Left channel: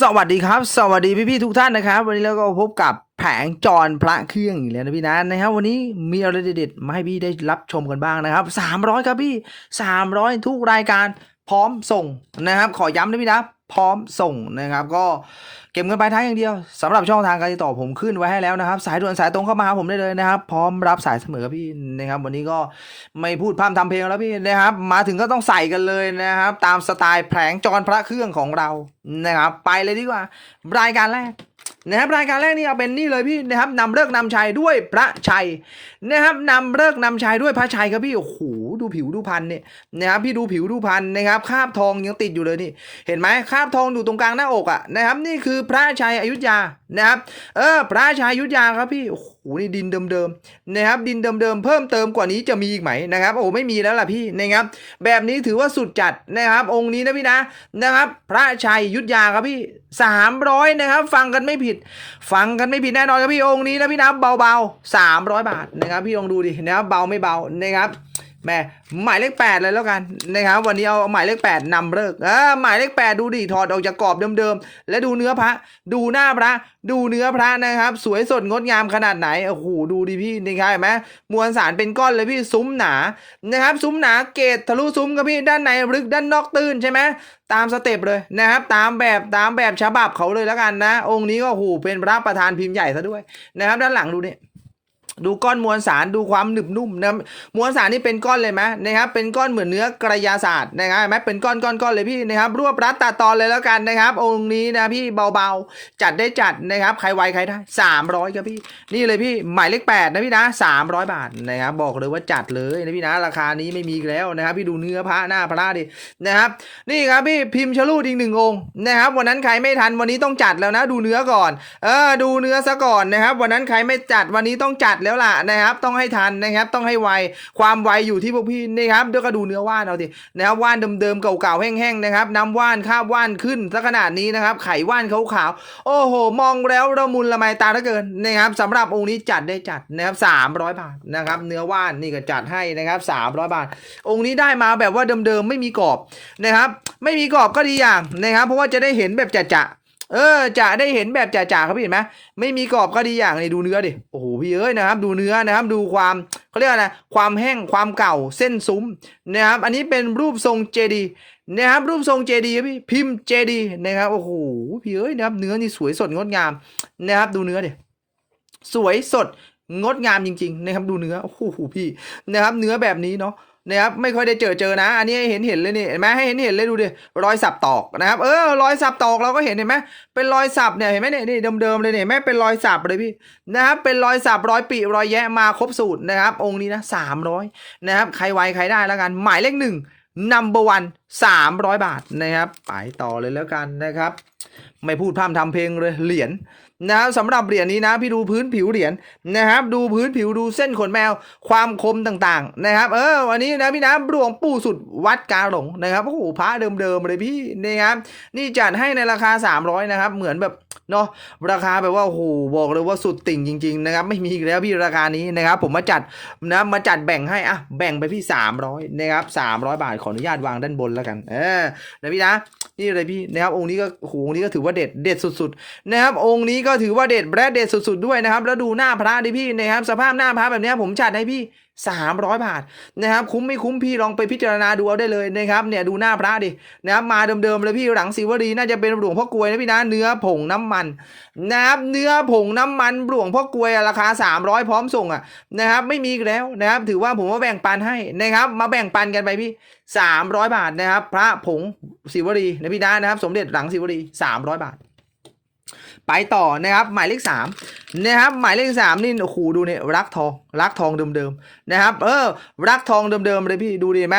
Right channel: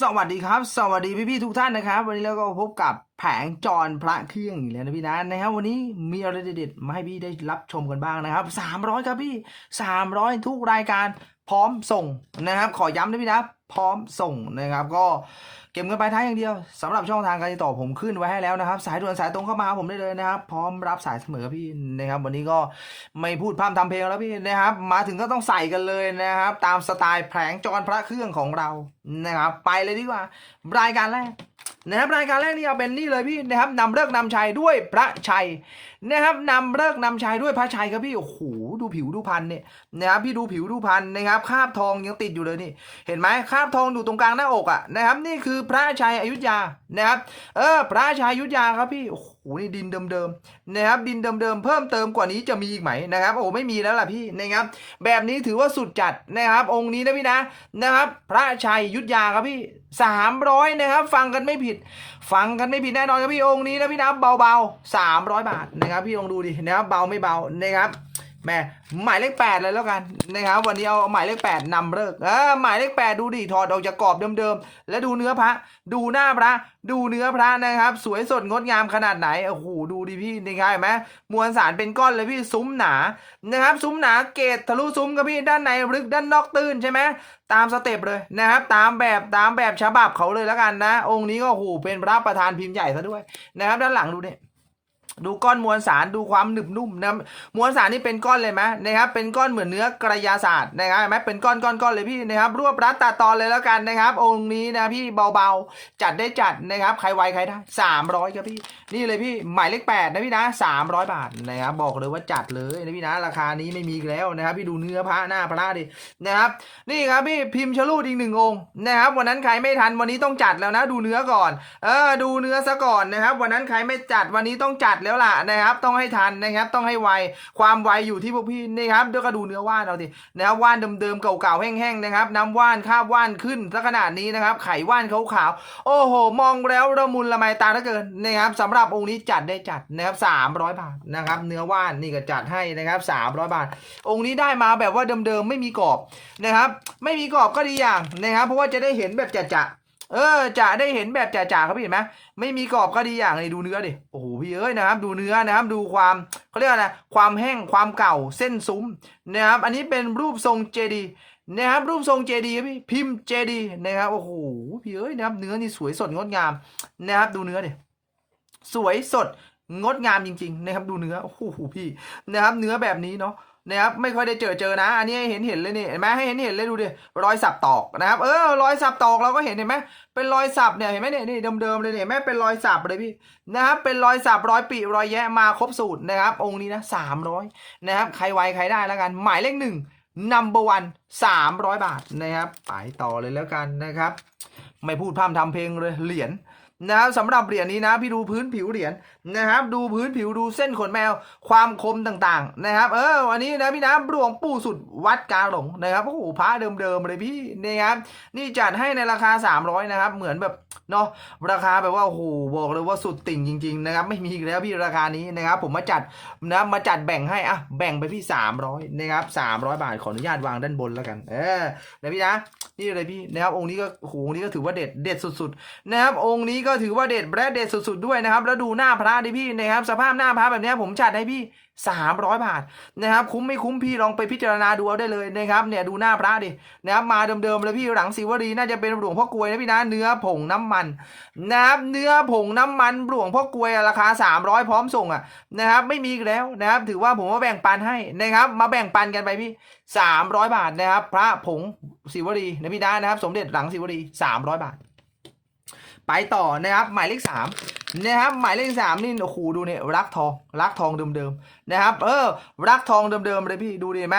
สวัสดีครับ สวัสดีพี่ๆทุกท่านนะครับ วันนี้เราก็พบกับแผงจรพระเครื่องอีกแล้วนะพี่นะนะครับ วันนี้มีอะไรเด็ดๆมาให้พี่ได้รับชมกันบ้างนะครับ 300 ครับพี่ 300 ทุกรายการพร้อมส่งนะครับ ขอย้ำนะพี่นะ พร้อมส่งนะครับก็ เก็บเงินปลายทางอย่างเดียวสำหรับช่องทางการติดต่อผมขึ้นไว้ให้แล้วนะครับ สายด่วนสายตรงเข้ามาหาผมได้เลยนะครับ พร้อมรับสายเสมอครับพี่นะครับ วันนี้ก็ไม่พูดพร่ำทำเพลงแล้วพี่นะครับ มาถึงก็ต้องใส่กันเลยนะครับ ตามสไตล์แผงจรพระเครื่องของเรานะครับ ไปเลยดีกว่า รายการแรก นะครับรายการแรกนี่เอาเป็นนี่เลยพี่นะครับนำเลิกนำชัยด้วยพระชัยนะครับนำเลิกนำชัยด้วยพระชัยครับพี่โอ้โหดูผิวดูพันเนี่ยนะครับพี่ดูผิวดูพันนะครับคาบทองยังติดอยู่เลยนี่เห็นไหมคาบทองอยู่ตรงกลางหน้าอกอะนะครับนี่คือพระชัยอยุธยานะครับเออพระชัยอยุธยาครับพี่โอ้โหนี่ดินเดิมๆนะครับดินเดิมๆเพิ่มเติมกว่านี้จะมีอีกไหมนะครับโอ้ไม่มีแล้วล่ะพี่นะครับแบบนี้ถือว่าสุดจัดนะครับ องค์นี้นะพี่นะนะครับ พระชัยยุธยาครับพี่สามร้อยนะครับ ฟังกันไม่ผิด ฟังกันไม่ผิดแน่นอนครับพี่องค์นี้นะพี่นะเบาๆสามร้อยบาทนะครับ พี่ลองดูดินะครับเบาไม่เบานะครับ แม่หมายเลขแปดเลยแล้วกันนะครับวันนี้เอาหมายเลขแปดนำเลิกเออหมายเลขแปดดูดิถอดออกจากกรอบเดิมๆและดูเนื้อพระ ดูหน้าพระ ดูเนื้อพระนะครับ สวยสดงดงามขนาดไหนโอ้โหดูดิพี่นะครับเห็นไหมมวลสารเป็นก้อนเลยพี่ซุ้มหนานะครับซุ้มหนาเกตทะลุซุ้มครับพี่ด้านในลึกด้านนอกตื้นใช่ไหมตามสเต็ปเลยนะครับตามแบบตามแบบฉบับเขาเลยแล้วกันนะ องค์นี้ก็โอ้โหเป็นพระประธานพิมพ์ใหญ่ซะด้วยนะครับ ด้านหลังดูเนี่ ดูก้อนมวลสารดูความหนึบนุ่มนะมวลสารนี่เป็นก้อนเลยไหมนะครับเป็นก้อนเหมือนเนื้อกระยาศาสตร์นะครับเห็นไหมเป็นก้อนก้อนก้อนเลยพี่นะครับรวบรัดตัดตอนเลยแล้วกันนะครับ องค์นี้นะพี่เบาๆ จัดได้จัดนะครับใครไวใครได้สามร้อยครับพี่นี่เลยพี่หมายเลขแปดนะพี่นะสามร้อยบาทนะครับบอกเลยว่าจัดเลยนะพี่นะราคานี้ไม่มีแล้วนะครับ พี่ดูเนื้อพระหน้าพระดินะครับนี่ครับพี่พิมพ์ชลูดอีกหนึ่งองค์นะครับวันนั้นใครไม่ทันวันนี้ต้องจัดแล้วนะ ดูเนื้อก่อนเออดูเนื้อซะก่อนนะครับ วันนั้นใครไม่จัดวันนี้ต้องจัดแล้วแล้วล่ะนะครับ ต้องให้ทันนะครับ ต้องให้ไวความไวอยู่ที่พวกพี่นี่ครับเดี๋ยวก็ดูเนื้อว่านเอาดินะครับว่านเดิมๆเก่าๆแห้งๆนะครับน้ำว่านคาบว่านขึ้นซะขนาดนี้นะครับ ไขว่านขาวๆโอ้โห มองแล้วระมุนละไมตาเหลือเกินนะครับสำหรับองค์นี้จัดได้จัดนะครับสามร้อยบาทนะครับ เนื้อว่านนี่ก็จัดให้นะครับสามร้อยบาท องค์นี้ได้มาแบบว่าเดิมๆไม่มีกรอบนะครับ ไม่มีกรอบก็ดีอย่างนะครับ เพราะว่าจะได้เห็นแบบจะๆ เออจะได้เห็นแบบจ่าๆครับพี่เห็นไหมไม่มีกรอบก็ดีอย่างเลยดูเนื้อดิโอ้โหพี่เอ้ยนะครับ ดูเนื้อนะครับ ดูความเขาเรียกอะไรความแห้งความเก่าเส้นซุ้มนะครับ อันนี้เป็นรูปทรงเจดีนะครับรูปทรงเจดีพี่พิมพ์เจดีนะครับโอ้โหพี่เอ้ยนะครับ เนื้อนี่สวยสดงดงามนะครับ ดูเนื้อดิสวยสดงดงามจริง ๆ นะครับ ดูเนื้อโอ้โหพี่นะครับ เนื้อแบบนี้เนาะ นะครับไม่ค่อยได้เจอเจอนะ อันนี้เห็นเห็นเลยนี่เห็นไหมให้เห็นเห็นเลยดูดิรอยสับตอกนะครับเออรอยสับตอกเราก็เห็นเห็นไหมเป็นรอยสับเนี่ยเห็นไหมเนี่ยนี่เดิมๆเลยเนี่ยเห็นไหมเป็นรอยสับเลยพี่นะครับเป็นรอยสับรอยปีรอยแยะมาครบสูตรนะครับ องค์นี้นะสามร้อยนะครับใครไวใครได้แล้วกันหมายเลขหนึ่ง number one สามร้อยบาทนะครับไปต่อเลยแล้วกันนะครับ ไม่พูดพร่ำทำเพลงเลยเหรียญ นะครับสำหรับเหรียญนี้นะพี่ดูพื้นผิวเหรียญนะครับดูพื้นผิวดูเส้นขนแมวความคมต่างๆนะครับ เออวันนี้นะพี่นะหลวงปู่สุดวัดกาหลงนะครับโอ้โหพระเดิมๆเลยพี่นะครับนี่จัดให้ในราคา 300นะครับเหมือนแบบเนาะราคาแบบว่าโอ้โหบอกเลยว่าสุดติ่งจริงๆนะครับไม่มีอีกแล้วพี่ราคานี้นะครับ ผมมาจัดนะมาจัดแบ่งให้อะแบ่งไปพี่ 300นะครับ300 บาทขออนุญาตวางด้านบนแล้วกันเออนะพี่นะนี่เลยพี่นะครับองค์นี้ก็โอ้โหองค์นี้ก็ถือว่าเด็ดเด็ดสุดๆนะครับองค์นี้ก็ก็ถือว่าเด็ดและเด็ดสุดๆด้วยนะครับ แล้วดูหน้าพระดิพี่นะครับ สภาพหน้าพระแบบนี้ผมจัดให้พี่ 300 บาทนะครับ คุ้มไม่คุ้มพี่ลองไปพิจารณาดูเอาได้เลยนะครับ เนี่ยดูหน้าพระดินะครับมาเดิมๆเลยพี่หลังศิวรีน่าจะเป็นหลวงพ่อกลวยนะพี่นะเนื้อผงน้ำมันนะครับเนื้อผงน้ำมันหลวงพ่อกลวยราคา 300 พร้อมส่งอะนะครับไม่มีแล้วนะครับถือว่าผมว่าแบ่งปันให้นะครับ มาแบ่งปันกันไปพี่300 บาทนะครับ พระผงศิวรีนะพี่นะนะครับ สมเด็จหลังศิวรี 300 บาท ไปต่อนะครับหมายเลขสามนะครับหมายเลขสามนี่โอ้โหดูเนี่ยรักทองรักทองเดิมๆนะครับ เออ รักทองเดิมๆเลยพี่ดูดีไหม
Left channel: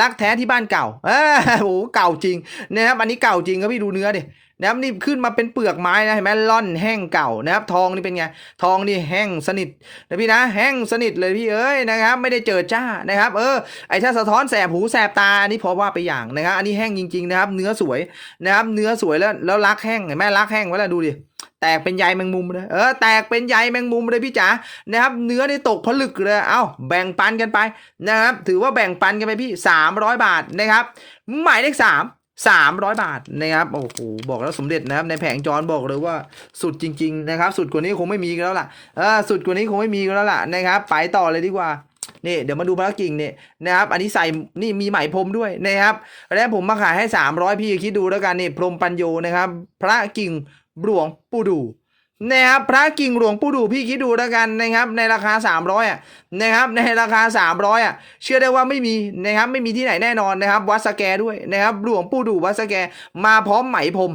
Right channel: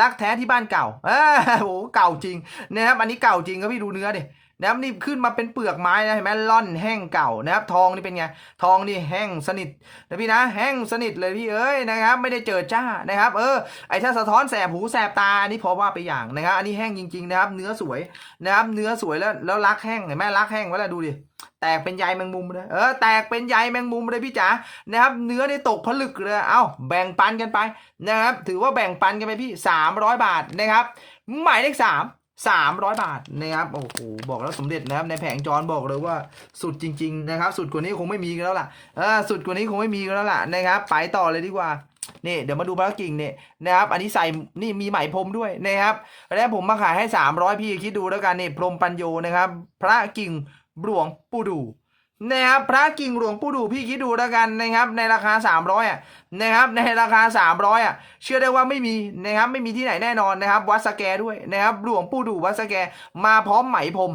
รักแท้ที่บ้านเก่าเออโหเก่าจริงนะครับอันนี้เก่าจริงครับพี่ดูเนื้อดิ นะครับนี่ขึ้นมาเป็นเปลือกไม้นะเห็นไหมล่อนแห้งเก่านะครับทองนี่เป็นไงทองนี่แห้งสนิทนะพี่นะแห้งสนิทเลยพี่เอ้ยนะครับไม่ได้เจอจ้านะครับเออไอ้ถ้าสะท้อนแสบหูแสบตาอันนี้พอว่าไปอย่างนะครับอันนี้แห้งจริงๆนะครับ เนื้อสวยนะครับเนื้อสวยแล้วแล้วรักแห้งเห็นไหมรักแห้งไว้แล้วดูดิแตกเป็นใยแมงมุมเลย เออ แตกเป็นใยแมงมุมเลยพี่จ๋า นะครับ เนื้อนี่ตกผลึกเลย เอ้า แบ่งปันกันไปนะครับ ถือว่าแบ่งปันกันไปพี่ 300 บาทนะครับ หมายเลขส สามร้อยบาทนะครับโอ้โหบอกแล้วสมเด็จนะครับในแผงจอนบอกเลยว่าสุดจริง ๆ นะครับ สุดกว่านี้คงไม่มีกันแล้วล่ะเออสุดกว่านี้คงไม่มีกันแล้วล่ะนะครับไปต่อเลยดีกว่านี่เดี๋ยวมาดูพระกิ่งเนี่ยนะครับ อันนี้ใส่นี่มีไหมพรมด้วยนะครับแล้วผมมาขายให้สามร้อยพี่คิดดูแล้วกันนี่พรมปัญโยนะครับ พระกิ่งหลวงปู่ดู นะครับพระกิ่งหลวงปู่ดูพี่คิดดูแล้วกันนะครับในราคาสามร้อยอะนะครับในราคาสามร้อยอะเชื่อได้ว่าไม่มีนะครับไม่มีที่ไหนแน่นอนนะครับวัดสแกด้วยนะครับหลวงปู่ดูวัดสแกมาพร้อมไหมพรม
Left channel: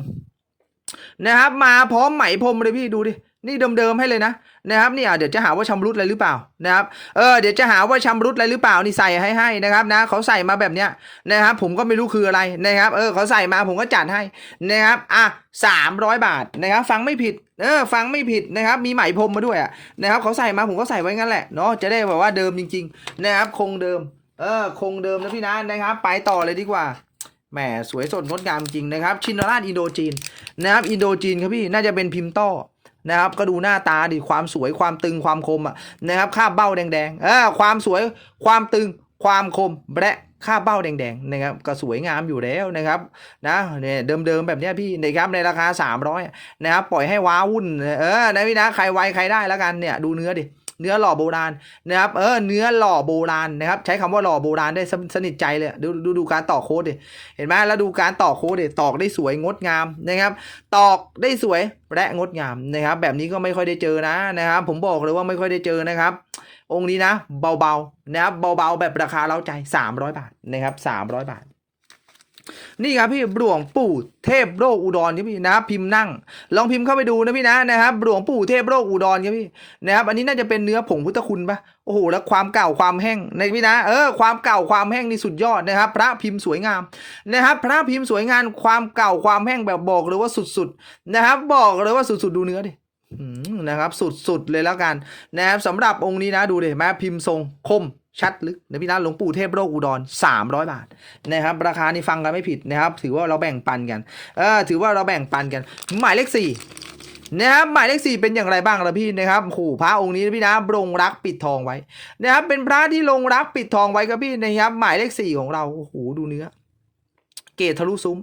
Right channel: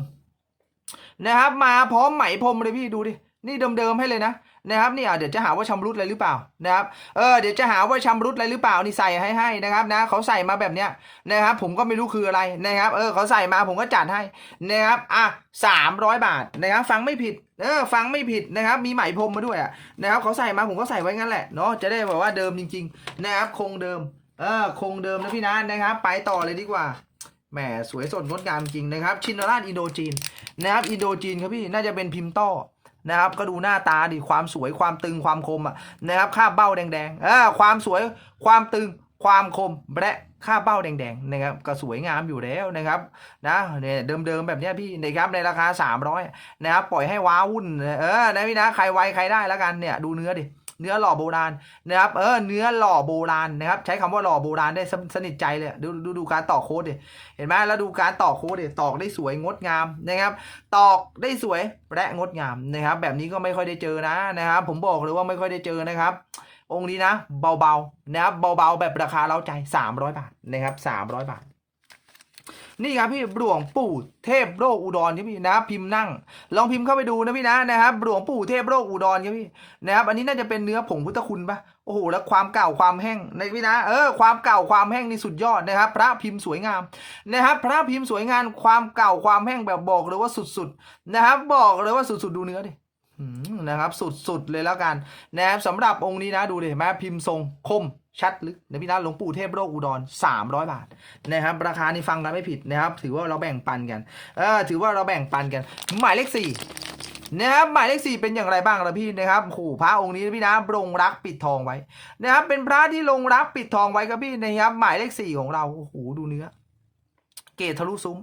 นะครับมาพร้อมไหมพรมเลยพี่ดูดินี่เดิมๆให้เลยนะนะครับนี่อะเดี๋ยวจะหาว่าชำรุดอะไรหรือเปล่านะครับเออเดี๋ยวจะหาว่าชำรุดอะไรหรือเปล่านี่ใส่ให้ให้นะครับนะเขาใส่มาแบบเนี้ยนะครับผมก็ไม่รู้คืออะไรนะครับเออเขาใส่มาผมก็จัดให้นะครับอะสามร้อยบาทนะครับฟังไม่ผิดเออฟังไม่ผิดนะครับมีไหมพรมมาด้วยอะนะครับเขาใส่มาผมก็ใส่ไว้งั้นแหละเนาะจะได้แบบว่าเดิมจริง ๆ นะครับคงเดิมเออคงเดิมนะพี่นะนะครับ ไปต่อเลยดีกว่า แหมสวยสดงดงามจริงนะครับ ชินราชอินโดจีนนะครับอินโดจีนครับพี่น่าจะเป็นพิมพ์ต้อนะครับก็ดูหน้าตาดิความสวยความตึงความคมอะนะครับค่าเบ้าแดงๆเออความสวยความตึงความคมและค่าเบ้าแดงๆนะครับก็สวยงามอยู่แล้วนะครับนะเนี่ยเดิมๆแบบเนี้ยพี่นะครับในราคา 300นะครับปล่อยให้ว้าวุ่นเออนะพี่นะใครไวใครได้แล้วกันเนี่ยดูเนื้อดิ เนื้อหล่อโบราณนะครับเออเนื้อหล่อโบราณนะครับใช้คำว่าหล่อโบราณได้สสนิทใจเลยดูดูดูการต่อโค้ดดิเห็นไหมแล้วดูการต่อโค้ดดิตอกได้สวยงดงามนะครับ ตอกได้สวยและงดงามนะครับ แบบนี้ก็ไม่ค่อยได้เจอนะนะครับผมบอกเลยว่าไม่ค่อยได้เจอนะครับ องค์นี้นะ เบาๆนะครับเบาๆแบบราคาเล้าใจ 300 บาทนะครับ300 บาท นี่ครับพี่หลวงปู่เทพโรคอุดรครับพี่นะพิมพ์นั่ง ลองพิมพ์เข้าไปดูนะพี่นะนะครับหลวงปู่เทพโรคอุดรครับพี่นะครับอันนี้น่าจะเป็นเนื้อผงพุทธคุณปะโอ้โหแล้วความเก่าความแห้งในพี่นะเออความเก่าความแห้งนี่สุดยอดนะครับ พระพิมพ์สวยงามนะครับ พระพิมพ์สวยงามความเก่าความแห้งแบบบอกเลยว่าสุดๆนะครับ บอกเลยว่าสุดๆดูเนื้อดินะครับสุดๆเลยแล้วกันนะครับสำหรับองค์นี้นะดูดิแม่พิมพ์ทรงคม ชัดลึกนะพี่นะหลวงปู่เทพโรคอุดร 300 บาทนะครับ ราคานี่ฟังกันไม่ผิดนะครับ ถือว่าเราแบ่งปันกันเออถือว่าเราแบ่งปันกัน หมายเลขสี่นะครับหมายเลขสี่เป็นอย่างไรบ้างล่ะพี่นะครับโอ้โหพระองค์นี้พี่นะลงรักปิดทองไว้นะครับ เป็นพระที่ลงรักปิดทองไว้ครับพี่นะครับ หมายเลขสี่ของเราโอ้โหดูเนื้อเกตทะลุซุ้ม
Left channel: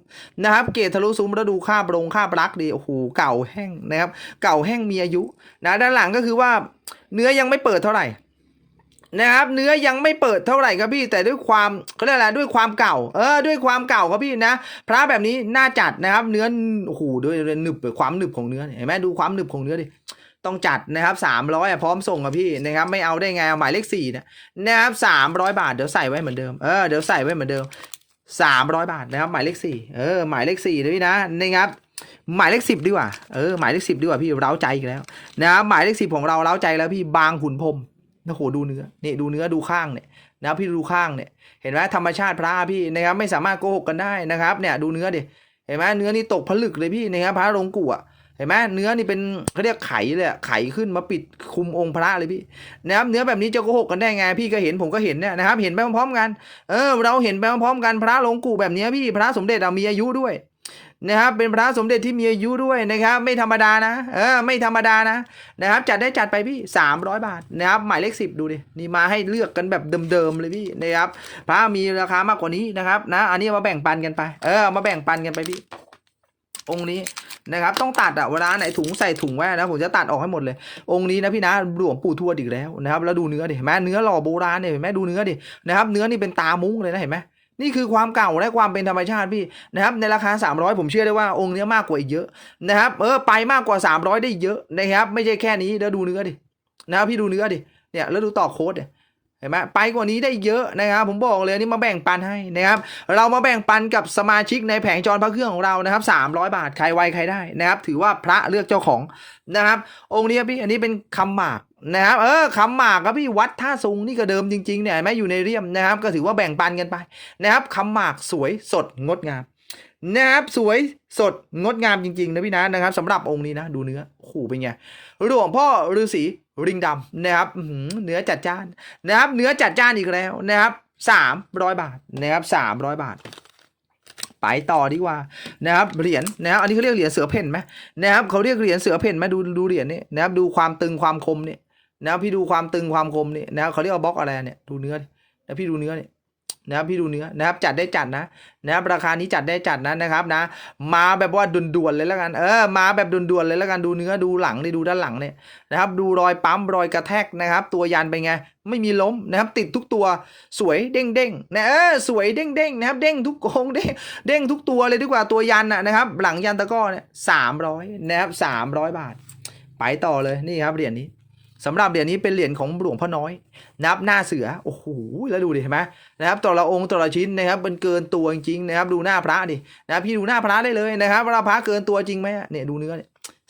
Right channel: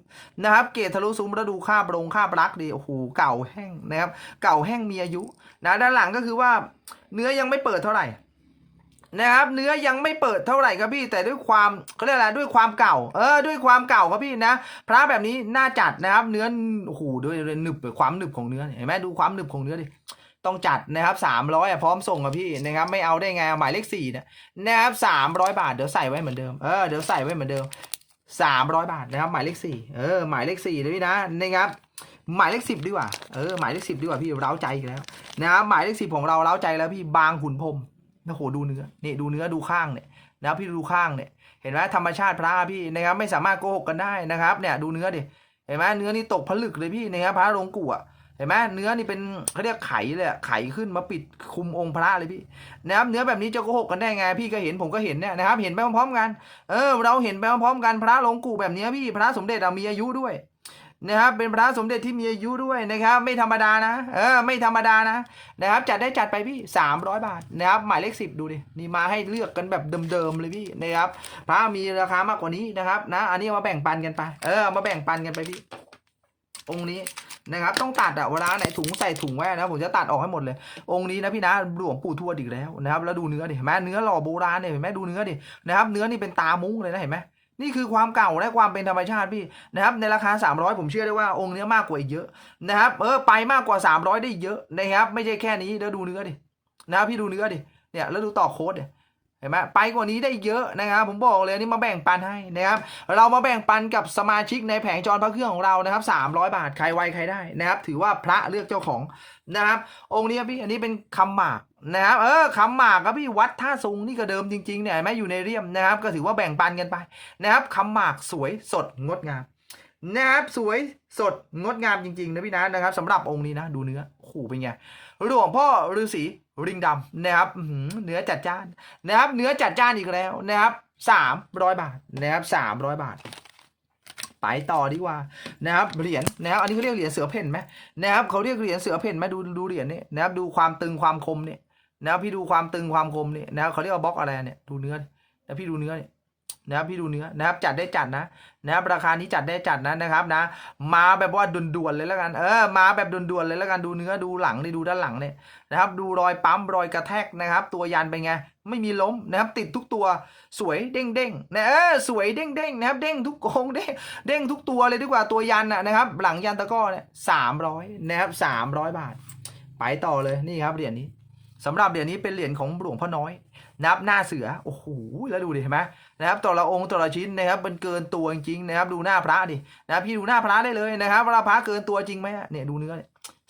นะครับ เกตทะลุซุ้มแล้วดูค่าบรงค่าบลักดีโอ้โหเก่าแห้งนะครับ เก่าแห้งมีอายุนะด้านหลังก็คือว่าเนื้อยังไม่เปิดเท่าไหร่ นะครับ เนื้อยังไม่เปิดเท่าไหร่ครับพี่ แต่ด้วยความเขาเรียกอะไรด้วยความเก่า เออ ด้วยความเก่าครับพี่นะ พระแบบนี้น่าจัดนะครับ เนื้อโอ้โหด้วยหนึบความหนึบของเนื้อเห็นไหมดูความหนึบของเนื้อดิต้องจัดนะครับสามร้อยพร้อมส่งครับพี่นะครับไม่เอาได้ไงเอาหมายเลขสี่นี่ยนะครับสามร้อยบาทเดี๋ยวใส่ไว้เหมือนเดิมเออเดี๋ยวใส่ไว้เหมือนเดิมสามร้อยบาทนะครับหมายเลขสี่เออหมายเลขสี่นะพี่นะนะครับหมายเลขสิบดีกว่าเออหมายเลขสิบดีกว่าพี่เร้าใจอีกแล้วนะครับหมายเลขสิบของเราเร้าใจแล้วพี่บางขุนพรม โอ้โหดูเนื้อนี่ดูเนื้อดูข้างเนี่ยนะครับพี่ดูข้างเนี่ยเห็นไหมธรรมชาติพระพี่นะครับไม่สามารถโกหกกันได้นะครับเนี่ยดูเนื้อดิเห็นไหมเนื้อนี่ตกผลึกเลยพี่นะครับพระลงกุอะเห็นไหมเนื้อนี่เป็นเขาเรียกไขเลยไขขึ้นมาปิดคุมองค์พระเลยพี่นะครับเนื้อแบบนี้จะโกหกกันได้ไงพี่ก็เห็นผมก็เห็นเนี่ยนะครับ เห็นไปพร้อมๆกัน เออ เราเห็นไปพร้อมๆกันพระลงกุแบบนี้พี่พระสมเด็จเรามีอายุด้วย นะครับเป็นพระสมเด็จที่มีอายุด้วยนะครับ ไม่ธรรมดานะเออไม่ธรรมดานะนะครับ จัดได้จัดไปพี่สามร้อยบาทนะครับ หมายเลขสิบดูดินี่มาให้เลือกกันแบบเดิมๆเลยพี่นะครับพระมีราคามากกว่านี้นะครับ นะ อันนี้มาแบ่งปันกันไป เออ มาแบ่งปันกันไปพี่ องค์นี้นะครับ ต้องตัดอะเวลาไหนถุงใส่ถุงไว้นะผมจะตัดออกให้หมดเลย องค์นี้นะพี่นะหลวงปู่ทวดอีกแล้วนะครับ แล้วดูเนื้อดิเห็นไหมเนื้อหล่อโบราณเนี่ยเห็นไหมดูเนื้อดินะครับ เนื้อนี่เป็นตามุ้งเลยนะเห็นไหม นี่คือความเก่าและความเป็นธรรมชาติพี่นะครับในราคา 300 ผมเชื่อได้ว่าองค์นี้มากกว่าอีกเยอะนะครับเออไปมากกว่า 300 ได้เยอะนะครับไม่ใช่แค่นี้แล้วดูเนื้อดินะครับพี่ดูเนื้อดิเนี่ยแล้วดูต่อโค้ดเนี่ย ห็นไหมไปกว่านี้ได้เยอะนะครับ ผมบอกเลยนี่มาแบ่งปันให้นะครับ เรามาแบ่งปันกับสมาชิกในแผงจรพระเครื่องของเรานะครับ300 บาทใครไวใครได้นะครับ ถือว่าพระเลือกเจ้าของนะครับ องค์นี้พี่อันนี้เป็นคำหมากนะครับเออคำหมากครับพี่วัดท่าซุงนี่ก็เดิมจริงๆเนี่ยไหม่อยู่ในเรียมนะครับ ก็ถือว่าแบ่งปันกันไปนะครับคำหมากสวยสดงดงามนะครับสวยสดงดงามจริงๆนะพี่นะนะครับสำหรับองค์นี้นะ ดูเนื้อโอ้โหเป็นไงหลวงพ่อฤาษี ริงดำนะครับเนื้อจัดจ้านนะครับเนื้อจัดจ้านอีกแล้วนะครับสามร้อยบาทนะครับสามร้อยบาท ไปต่อดีกว่านะครับเหรียญนะครับอันนี้เขาเรียกเหรียญเสือเพ่นไหมนะครับเขาเรียกเหรียญเสือเพ่นไหมดูดูเหรียญนี่นะครับดูความตึงความคมเนี่ยนะครับพี่ดูความตึงความคมเนี่ยนะครับเขาเรียกว่าบล็อกอะไรเนี่ยดูเนื้อนะพี่ดูเนื้อเนี่ย นะครับพี่ดูเนื้อนะครับจัดได้จัดนะนะครับราคานี้จัดได้จัดนะนะครับนะ มาแบบว่าด่วนๆเลยแล้วกันเออมาแบบด่วนๆเลยแล้วกันดูเนื้อดูหลังนี่ดูด้านหลังเนี่ยนะครับ ดูรอยปั๊มรอยกระแทกนะครับ ตัวยันเป็นไงไม่มีล้มนะครับ ติดทุกตัวสวยเด้งเด้งๆนะเออสวยเด้งเด้งๆนะครับ เด้งทุกโค้งเด้งเด้งทุกตัวเลยดีกว่าตัวยันนะครับ หลังยันตะก้อเนี่ยสามร้อยนะครับสามร้อยบาท ไปต่อเลยนี่ครับเหรียญนี้สำหรับเหรียญนี้เป็นเหรียญของหลวงพ่อน้อย นับหน้าเสือโอ้โหแล้วดูดิเห็นไหม นะครับแต่ละองค์แต่ละชิ้นนะครับมันเกินตัวจริงๆนะครับ ดูหน้าพระดินะครับพี่ดูหน้าพระได้เลยนะครับว่าพระเกินตัวจริงไหมเนี่ยดูเนื้อเนี่ย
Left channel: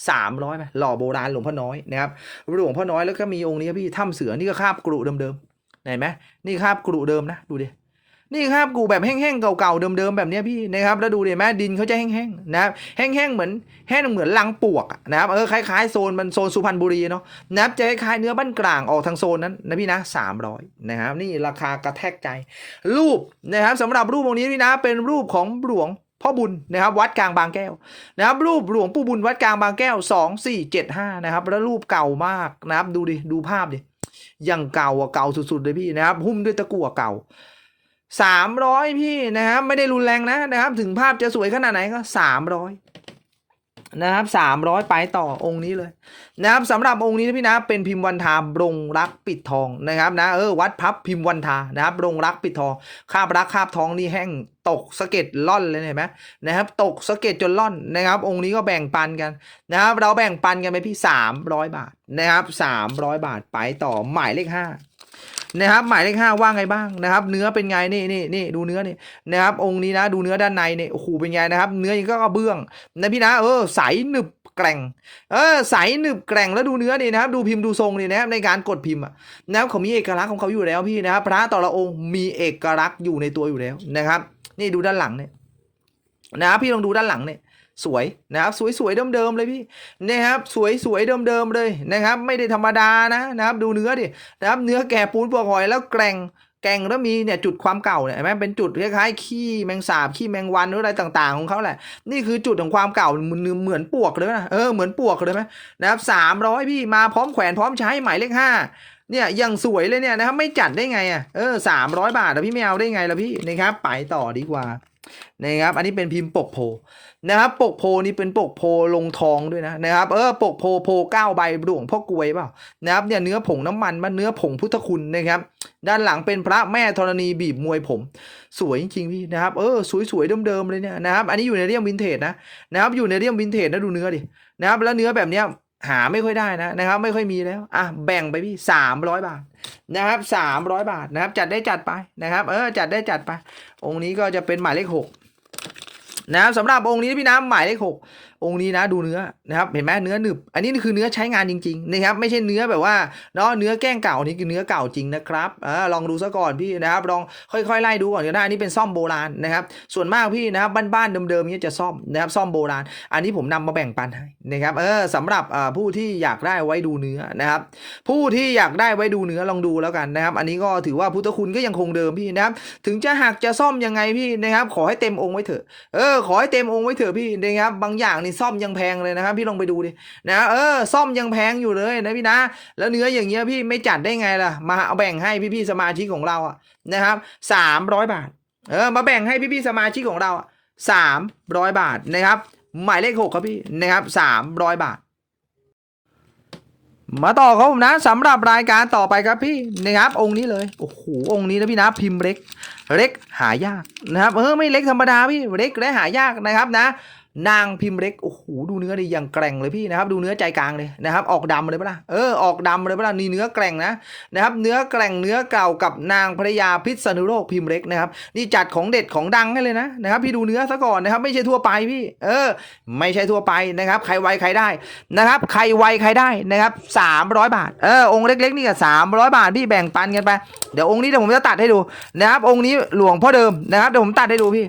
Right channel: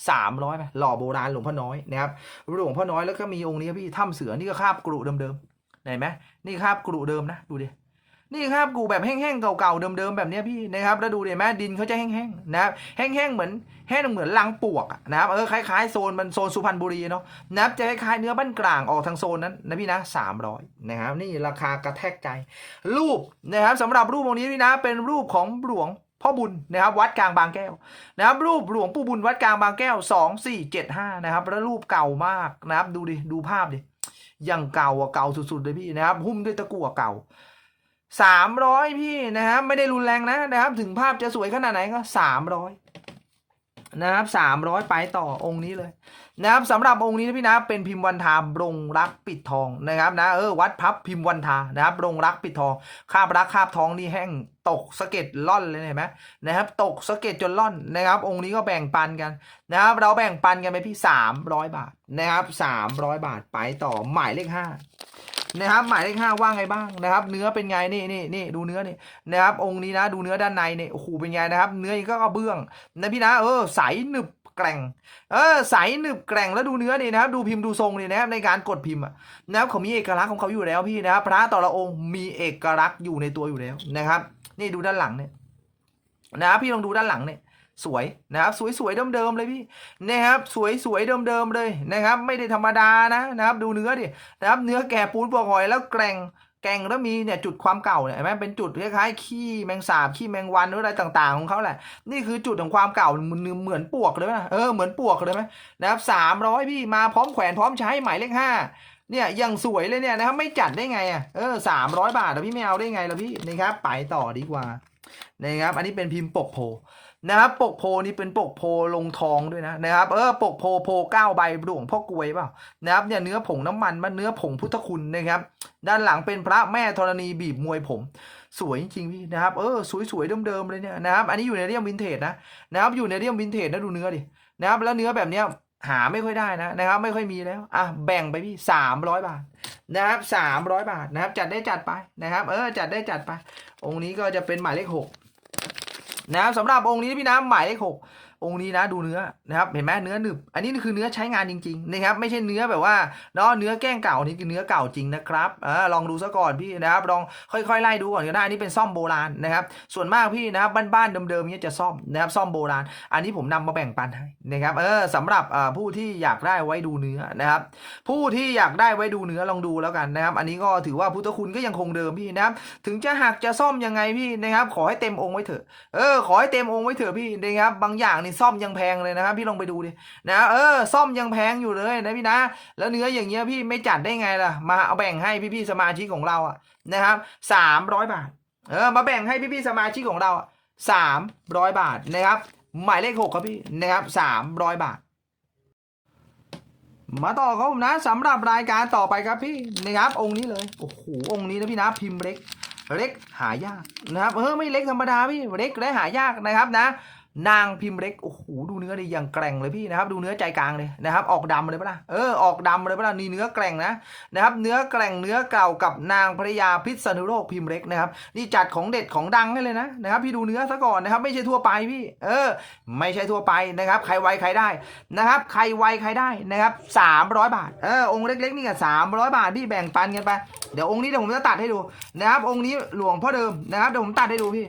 สามร้อยไหมหล่อโบราณหลวงพ่อน้อยนะครับหลวงพ่อน้อยแล้วก็มีองค์นี้พี่ถ้ำเสือนี่ก็คาบกรุเดิมๆเห็นไหมนี่คาบกรุเดิมนะดูดิ นี่คาบกรุแบบแห้งๆเก่าๆเดิมๆแบบนี้พี่นะครับแล้วดูดิเห็นไหมดินเขาจะแห้งๆนะครับแห้งๆเหมือนแห้งเหมือนลังปวกอะนะครับเออคล้ายๆโซนมันโซนสุพรรณบุรีเนาะนะครับจะคล้ายๆเนื้อบ้านกลางออกทางโซนนั้นนะพี่นะสามร้อยนะครับนี่ราคากระแทกใจ รูปนะครับสำหรับรูปองนี้พี่นะเป็นรูปของหลวงพ่อบุญนะครับวัดกลางบางแก้วนะครับรูปหลวงปู่บุญวัดกลางบางแก้วสองสี่เจ็ดห้านะครับแล้วรูปเก่ามากนะครับดูดิดูภาพดิยังเก่าอะเก่าสุดๆเลยพี่นะครับหุ้มด้วยตะกั่วเก่า สามร้อยพี่นะครับไม่ได้รุนแรงนะนะครับ ถึงภาพจะสวยขนาดไหนก็สามร้อยนะครับสามร้อยไปต่อองค์นี้เลยนะครับสำหรับองค์นี้นะพี่นะเป็นพิมพ์วันทาบรงรักปิดทองนะครับนะเออวัดพับพิมพ์วันทานะครับบรงรักปิดทองคาบรักคาบทองนี่แห้งตกสะเก็ดล่อนเลยเห็นไหมนะครับตกสะเก็ดจนล่อนนะครับ องค์นี้ก็แบ่งปันกันนะครับเราแบ่งปันกันไปพี่สามร้อยบาทนะครับสามร้อยบาทไปต่อหมายเลขห้า นะครับหมายเลขห้าว่าไงบ้างนะครับ เนื้อเป็นไงนี่นี่นี่ดูเนื้อนี่นะครับ องค์นี้นะดูเนื้อด้านในเนี่ยโอ้โหเป็นไงนะครับ เนื้อยังก็กระเบื้องนะพี่นะเออใสหนึบแกร่งเออใสหนึบแกร่งแล้วดูเนื้อนี่นะครับ ดูพิมพ์ดูทรงนี่นะครับในการกดพิมพ์นะครับเขามีเอกลักษณ์ของเขาอยู่แล้วพี่นะครับ พระแต่ละองค์มีเอกลักษณ์อยู่ในตัวอยู่แล้วนะครับ นี่ดูด้านหลังเนี่ยนะครับพี่ลองดูด้านหลังเนี่ย สวยนะครับสวยๆเดิมๆเลยพี่นะครับสวยๆเดิมๆเลยนะครับ ไม่ได้ธรรมดานะนะครับดูเนื้อดินะครับเนื้อแก่ปูนปวกหอยแล้วแกร่งแกงแล้วมีเนี่ยจุดความเก่าเนี่ยเห็นไหมเป็นจุดคล้ายๆขี้แมงสาบขี้แมงวันหรืออะไรต่างๆของเขาแหละ นี่คือจุดของความเก่าเหมือนเหมือนปวกเลยนะเออเหมือนปวกเลยไหมนะครับสามร้อยพี่มาพร้อมแขวนพร้อมใช้หมายเลขห้าเนี่ยยังสวยเลยเนี่ยนะครับไม่จัดได้ไงอะเออสามร้อยบาทอะพี่ไม่เอาได้ไงล่ะพี่นะครับไปต่อดีกว่านะครับอันนี้เป็นพิมพ์ปกโพ นะครับปกโพนี่เป็นปกโพลงทองด้วยนะนะครับเออปกโพโพเก้าใบหลวงพ่อกวยเปล่านะครับเนี่ยเนื้อผงน้ำมันมันเนื้อผงพุทธคุณนะครับ ด้านหลังเป็นพระแม่ธรณีบีบมวยผม สวยจริงพี่นะครับเออสวยๆเดิมๆเลยเนี่ยนะครับอันนี้อยู่ในเรียมวินเทจนะนะครับอยู่ในเรียมวินเทจนะดูเนื้อดินะครับแล้วเนื้อแบบเนี้ยหาไม่ค่อยได้นะนะครับ ไม่ค่อยมีแล้วอะแบ่งไปพี่สามร้อยบาทนะครับสามร้อยบาทนะครับ จัดได้จัดไปนะครับ เออจัดได้จัดไป องค์นี้ก็จะเป็นหมายเลขหก นะครับสำหรับองค์นี้พี่น้ำหมายเลขหก องค์นี้นะดูเนื้อนะครับเห็นไหมเนื้อหนึบอันนี้คือเนื้อใช้งานจริงๆนะครับไม่ใช่เนื้อแบบว่าเนาะเนื้อแกล้งเก่านี่คือเนื้อเก่าจริงนะครับอ่าลองดูซะก่อนพี่นะครับลองค่อยๆไล่ดูก่อนก็ได้อันนี้เป็นซ่อมโบราณนะครับส่วนมากพี่นะครับบ้านๆเดิมๆเนี้ยจะซ่อมนะครับซ่อมโบราณ อันนี้ผมนำมาแบ่งปันให้นะครับเออสำหรับอ่าผู้ที่อยากได้ไว้ดูเนื้อนะครับผู้ที่อยากได้ไว้ดูเนื้อลองดูแล้วกันนะครับอันนี้ก็ถือว่าพุทธคุณก็ยังคงเดิมพี่นะครับถึงจะหักจะซ่อมยังไงพี่นะครับขอให้เต็มองค์ไว้เถอะเออขอให้เต็มองค์ไว้เถอะพี่นะครับบางอย่างนี่ซ่อมยังแพงเลยนะครับพี่ลองไปดูดินะเออซ่อมยังแพงอยู่เลยนะพี่นะ แล้วเนื้ออย่างเงี้ยพี่ไม่จัดได้ไงล่ะ มาเอาแบ่งให้พี่ๆสมาชิกของเราอะนะครับสามร้อยบาทเออมาแบ่งให้พี่ๆสมาชิกของเราสามร้อยบาทนะครับหมายเลขหกครับพี่นะครับสามร้อยบาทมาต่อครับผมนะสำหรับรายการต่อไปครับพี่นะครับ องค์นี้เลยโอ้โหองค์นี้นะพี่นะพิมพ์เล็ก เล็กหายากนะครับเออไม่เล็กธรรมดาพี่เล็กและหายากนะครับนะ นางพิมพ์เล็กโอ้โหดูเนื้อดิอย่างแกร่งเลยพี่นะครับ ดูเนื้อใจกลางเลยนะครับ ออกดำเลยปะล่ะเออออกดำเลยปะล่ะนี่เนื้อแกร่งนะนะครับ เนื้อแกร่งเนื้อเก่ากับนางภรรยาพิษณุโลกพิมพ์เล็กนะครับนี่จัดของเด็ดของดังให้เลยนะนะครับ พี่ดูเนื้อซะก่อนนะครับ ไม่ใช่ทั่วไปพี่ เออ ไม่ใช่ทั่วไปนะครับ ใครไวใครได้นะครับ ใครไวใครได้นะครับสามร้อยบาทเออองค์เล็ก ๆ นี่ก็สามร้อยบาทพี่แบ่งปันกันไปเดี๋ยวองค์นี้เดี๋ยวผมจะตัดให้ดูนะครับ องค์นี้หลวงพ่อเดิมนะครับเดี๋ยวผมตัดให้ดูพี่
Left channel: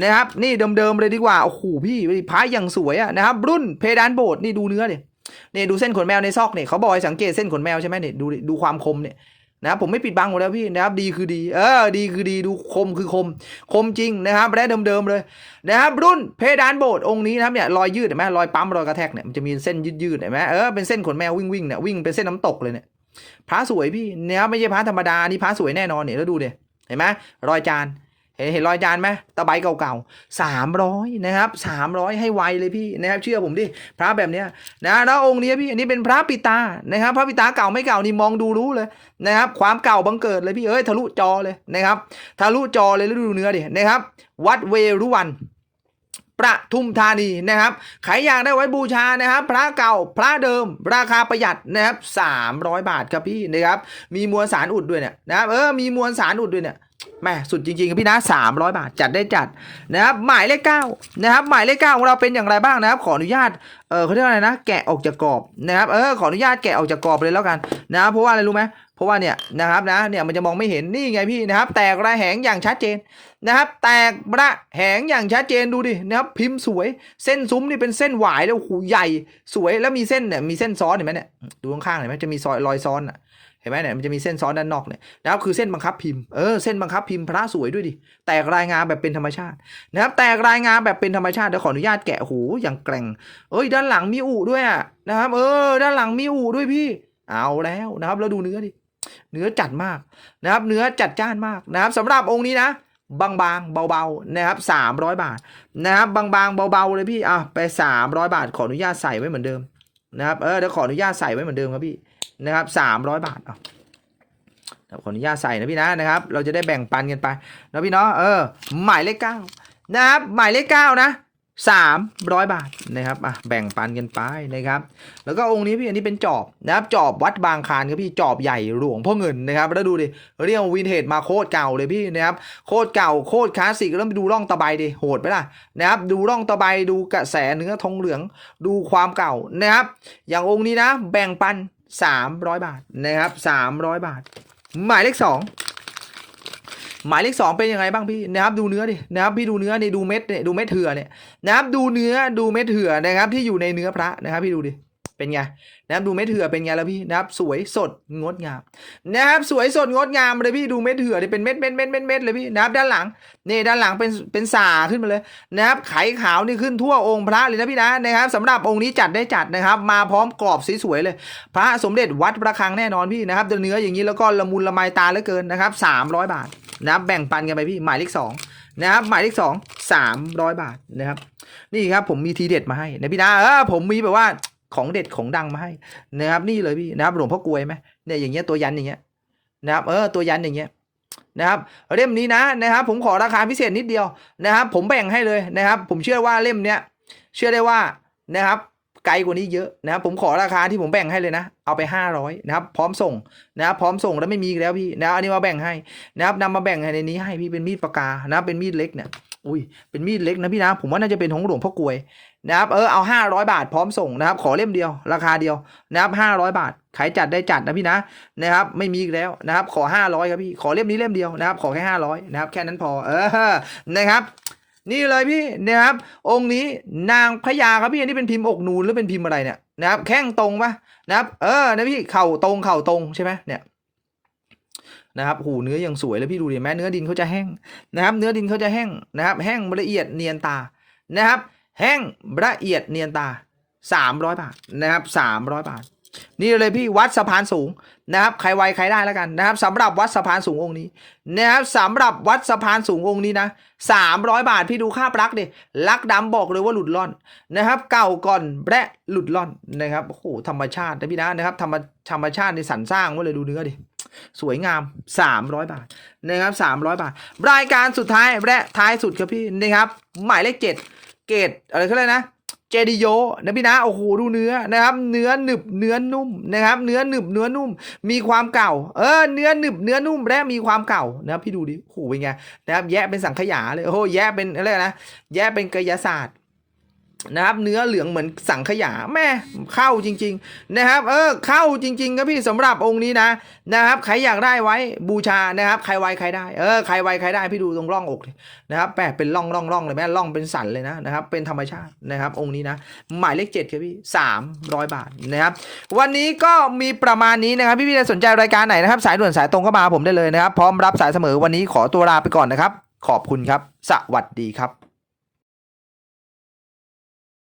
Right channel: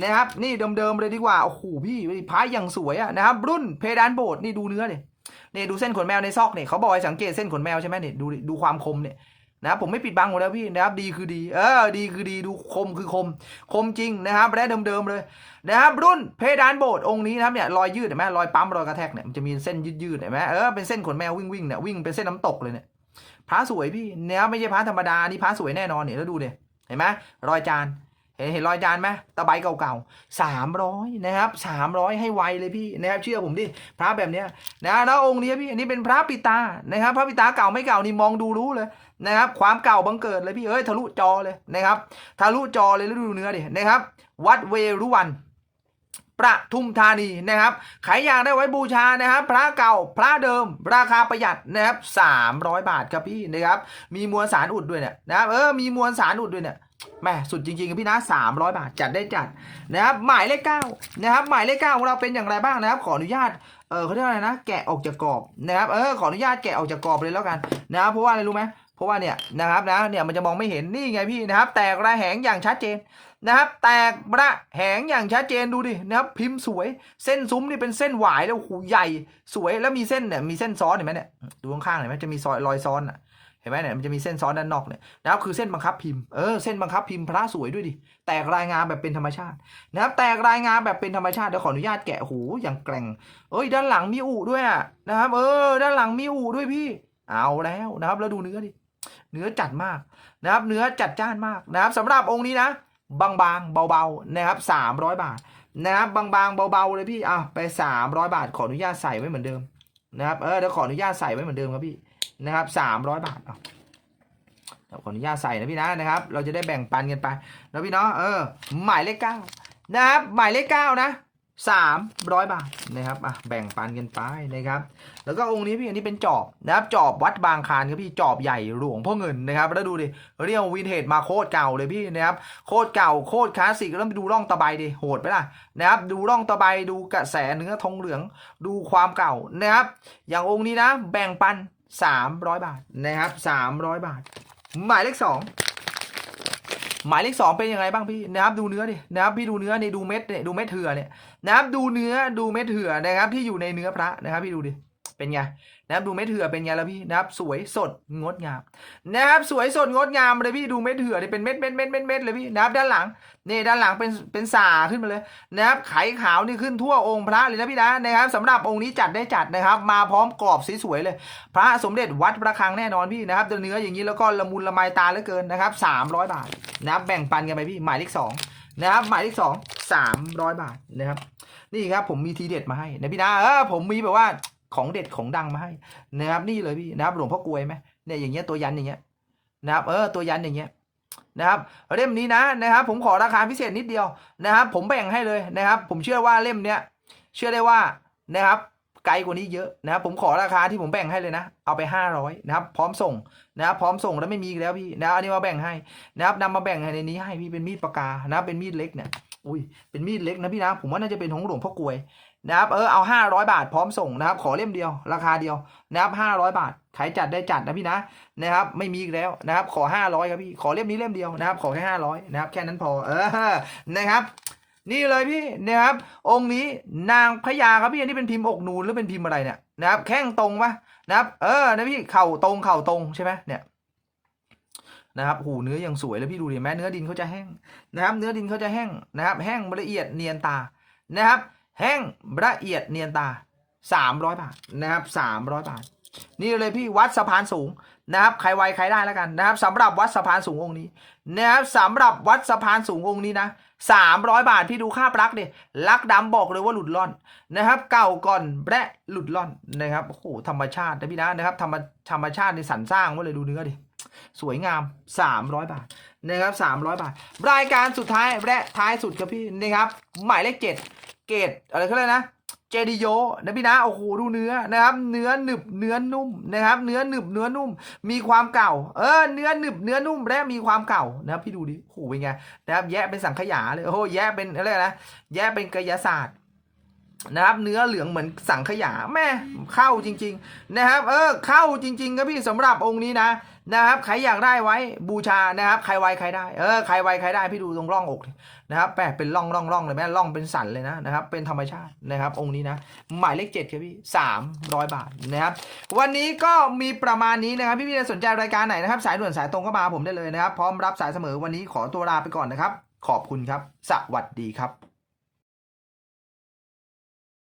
นะครับนี่เดิมๆเลยดีกว่าโอ้โหพี่พระอย่างสวยอะนะครับรุ่นเพดานโบสถ์นี่ดูเนื้อดินี่ดูเส้นขนแมวในซอกเนี่ยเขาบอกให้สังเกตเส้นขนแมวใช่ไหมเนี่ยดูดูความคมเนี่ยนะครับผมไม่ปิดบังหมดแล้วพี่นะครับดีคือดีเออดีคือดีดูคมคือคม คมจริงนะครับและเดิมๆเลยนะครับรุ่นเพดานโบสถ์องค์นี้นะครับเนี่ยรอยยืดเห็นไหมรอยปั๊มรอยกระแทกเนี่ยมันจะมีเส้นยืดๆเห็นไหมเออเป็นเส้นขนแมววิ่งๆเนี่ยวิ่งเป็นเส้นน้ำตกเลยเนี่ยพระสวยพี่เนี่ยไม่ใช่พระธรรมดานี่พระสวยแน่นอนเนี่ยแล้วดูดิเห็นไหมรอยจาน เห็นเห็นรอยจานไหมตะไบเก่าๆสามร้อยนะครับสามร้อยให้ไวเลยพี่นะครับเชื่อผมดิพระแบบเนี้ยนะแล้วองค์นี้พี่อันนี้เป็นพระปิตานะครับ พระปิตาเก่าไม่เก่านี่มองดูรู้เลยนะครับ ความเก่าบังเกิดเลยพี่เอ้ยทะลุจอเลยนะครับ ทะลุจอเลยแล้วดูเนื้อดินะครับ วัดเวรุวันประทุมธานีนะครับใครอยากได้ไว้บูชานะครับ พระเก่าพระเดิม ราคาประหยัดนะครับ300 บาทครับพี่นะครับ มีมวลสารอุดด้วยเนี่ยนะครับเออมีมวลสารอุดด้วยเนี่ย แม่สุดจริงๆครับพี่นะ300 บาทจัดได้จัดนะครับหมายเลขเก้านะครับหมายเลขเก้าของเราเป็นอย่างไรบ้างนะครับ ขออนุญาตเออเขาเรียกว่าอะไรนะ แกะออกจากกรอบนะครับเออขออนุญาตแกะออกจากกรอบเลยแล้วกันนะครับเพราะว่าอะไรรู้ไหมเพราะว่าเนี่ยนะครับนะเนี่ยมันจะมองไม่เห็นนี่ไงพี่นะครับ แตกระแหงอย่างชัดเจนนะครับ แตกระแหงอย่างชัดเจนดูดินะครับพิมพ์สวยเส้นซุ้มนี่เป็นเส้นหวายแล้วหูใหญ่สวยแล้วมีเส้นเนี่ยมีเส้นซ้อนเห็นไหมเนี่ยดูข้างๆเห็นไหมจะมีซอยรอยซ้อนอะ เห็นไหมเนี่ยมันจะมีเส้นซ้อนด้านนอกเนี่ยนะครับคือเส้นบังคับพิมพ์เออเส้นบังคับพิมพ์พระสวยด้วยดิแตกรายงานแบบเป็นธรรมชาตินะครับแตกรายงานแบบเป็นธรรมชาติเดี๋ยวขออนุญาตแกะหูอย่างแกร่ง เอ้ยด้านหลังมีอู่ด้วยอะนะครับเออด้านหลังมีอู่ด้วยพี่ เอาแล้วนะครับแล้วดูเนื้อดิเนื้อจัดมากนะครับเนื้อจัดจ้านมากนะครับสำหรับองค์นี้นะบางๆเบาๆนะครับ300 บาทนะครับบางๆเบาๆเลยพี่อะไป 300 บาทขออนุญาตใส่ไว้เหมือนเดิมนะครับเออเดี๋ยวขออนุญาตใส่ไว้เหมือนเดิมครับพี่ นะครับ300บาทอะเดี๋ยวขออนุญาตใส่นะพี่นะนะครับ เราจะได้แบ่งปันกันไปนะพี่เนาะเออหมายเลขเก้านะครับหมายเลขเก้านะ300บาทนะครับอะแบ่งปันกันไปนะครับ แล้วก็องค์นี้พี่อันนี้เป็นจอบนะครับจอบวัดบางคานครับพี่จอบใหญ่หลวงพ่อเงินนะครับแล้วดูดิเรียกวินเทจมาโคตรเก่าเลยพี่นะครับโคตรเก่าโคตรคลาสสิกแล้วไปดูร่องตะไบดิโหดไหมล่ะนะครับดูร่องตะไบดูกระแสเนื้อทองเหลือง ดูความเก่านะครับอย่างองค์นี้นะ แบ่งปัน 300 บาทนะครับ 300 บาท หมายเลขสองหมายเลขสองเป็นยังไงบ้างพี่นะครับดูเนื้อดินะครับพี่ดูเนื้อนี่ดูเม็ดเนี่ยดูเม็ดเถื่อเนี่ยนะครับดูเนื้อดูเม็ดเถื่อนะครับที่อยู่ในเนื้อพระนะครับพี่ดูดิเป็นไง นะครับดูเม็ดเถื่อเป็นไงแล้วพี่นะครับสวยสดงดงามนะครับสวยสดงดงามเลยพี่ดูเม็ดเถื่อนี่เป็นเม็ดเม็ดเม็ดเม็ดเม็ดเลยพี่นะครับด้านหลังนี่ด้านหลังเป็นเป็นสาขึ้นมาเลยนะครับไขขาวนี่ขึ้นทั่วองค์พระเลยนะพี่นะนะครับสำหรับองค์นี้จัดได้จัดนะครับ มาพร้อมกรอบสวยๆเลย พระสมเด็จวัดประฆังแน่นอนพี่นะครับเนื้ออย่างนี้แล้วก็ละมุนละไมตาเหลือเกินนะครับ300 บาทนะครับแบ่งปันกันไปพี่หมายเลขสองนะครับหมายเลขสองสามร้อยบาทนะครับนี่ครับผมมีทีเด็ดมาให้นะพี่นะเออผมมีแบบว่า ของเด็ดของดังมาให้นะครับนี่เลยพี่นะครับหลวงพ่อกลวยไหมเนี่ยอย่างเงี้ยตัวยันอย่างเงี้ยนะครับเออตัวยันอย่างเงี้ยนะครับเล่มนี้นะนะครับผมขอราคาพิเศษนิดเดียวนะครับ ผมแบ่งให้เลยนะครับ ผมเชื่อว่าเล่มเนี้ยเชื่อได้ว่านะครับไกลกว่านี้เยอะนะครับผมขอราคาที่ผมแบ่งให้เลยนะ เอาไป 500นะครับพร้อมส่งนะครับพร้อมส่งแล้วไม่มีแล้วพี่นะอันนี้มาแบ่งให้นะครับนำมาแบ่งในนี้ให้พี่เป็นมีดปากกานะเป็นมีดเล็กเนี่ยอุ้ยเป็นมีดเล็กนะพี่นะผมว่าน่าจะเป็นของหลวงพ่อกลวย นะครับเออเอา 500 บาทพร้อมส่งนะครับ ขอเล่มเดียวราคาเดียวนะครับ500 บาทใครจัดได้จัดนะพี่นะนะครับ ไม่มีอีกแล้วนะครับ ขอ 500ครับพี่ขอเล่มนี้เล่มเดียวนะครับ ขอแค่500นะครับ แค่นั้นพอเออนะครับนี่เลยพี่นะครับ องค์นี้นางพญาครับพี่อันนี้เป็นพิมพ์อกนูนหรือเป็นพิมพ์อะไรเนี่ยนะครับ แข้งตรงปะนะครับ เออนะพี่เข่าตรงเข่าตรงใช่ไหมเนี่ยนะครับหูเนื้อยังสวยเลยพี่ดูดิแม้เนื้อดินเขาจะแห้งนะครับ เนื้อดินเขาจะแห้งนะครับ แห้งละเอียดเนียนตานะครับ แห้งละเอียดเนียนตา 300 บาทนะครับ 300 บาท นี่เลยพี่วัดสะพานสูงนะครับใครไวใครได้แล้วกันนะครับสำหรับวัดสะพานสูงองค์นี้นะครับสำหรับวัดสะพานสูงองค์นี้นะ300 บาทพี่ดูค่าปลักดิลักดำบอกเลยว่าหลุดล่อนนะครับ เก่าก่อนแบะหลุดล่อนนะครับโอ้โหธรรมชาตินะพี่นะนะครับธรรมธรรมชาติในสรรสร้างไว้เลยดูเนื้อดิสวยงาม 300 บาทนะครับ300 บาท รายการสุดท้ายและท้ายสุดครับพี่นะครับหมายเลขเจ็ด เกตอะไรเขาเรียกนะเจดิโยนะพี่นะโอ้โหดูเนื้อนะครับ เนื้อหนึบเนื้อนุ่มนะครับ เนื้อหนึบเนื้อนุ่ม มีความเก่า เออเนื้อหนึบเนื้อนุ่มและมีความเก่านะครับพี่ดูดิโอ้โหเป็นไงนะครับแยะเป็นสังขยาเลยโอ้โหแยะเป็นอะไรนะแยะเป็นกายศาสตร์ นะครับเนื้อเหลืองเหมือนสังขยาแม่เข้าจริง ๆ นะครับ เออเข้าจริง ๆ ครับพี่สำหรับองค์นี้นะนะครับใครอยากได้ไว้บูชานะครับ ใครไวใครได้เออใครไวใครได้พี่ดูตรงร่องอกนะครับแปะเป็นร่องร่องร่องเลยแม่ร่องเป็นสันเลยนะนะครับ เป็นธรรมชาตินะครับ องค์นี้นะ หมายเลขเจ็ดครับพี่สามร้อยบาทนะครับ วันนี้ก็มีประมาณนี้นะครับ พี่พี่ๆสนใจรายการไหนนะครับ สายด่วนสายตรงก็มาผมได้เลยนะครับ พร้อมรับสายเสมอวันนี้ขอตัวลาไปก่อนนะครับ ขอบคุณครับ สวัสดีครับ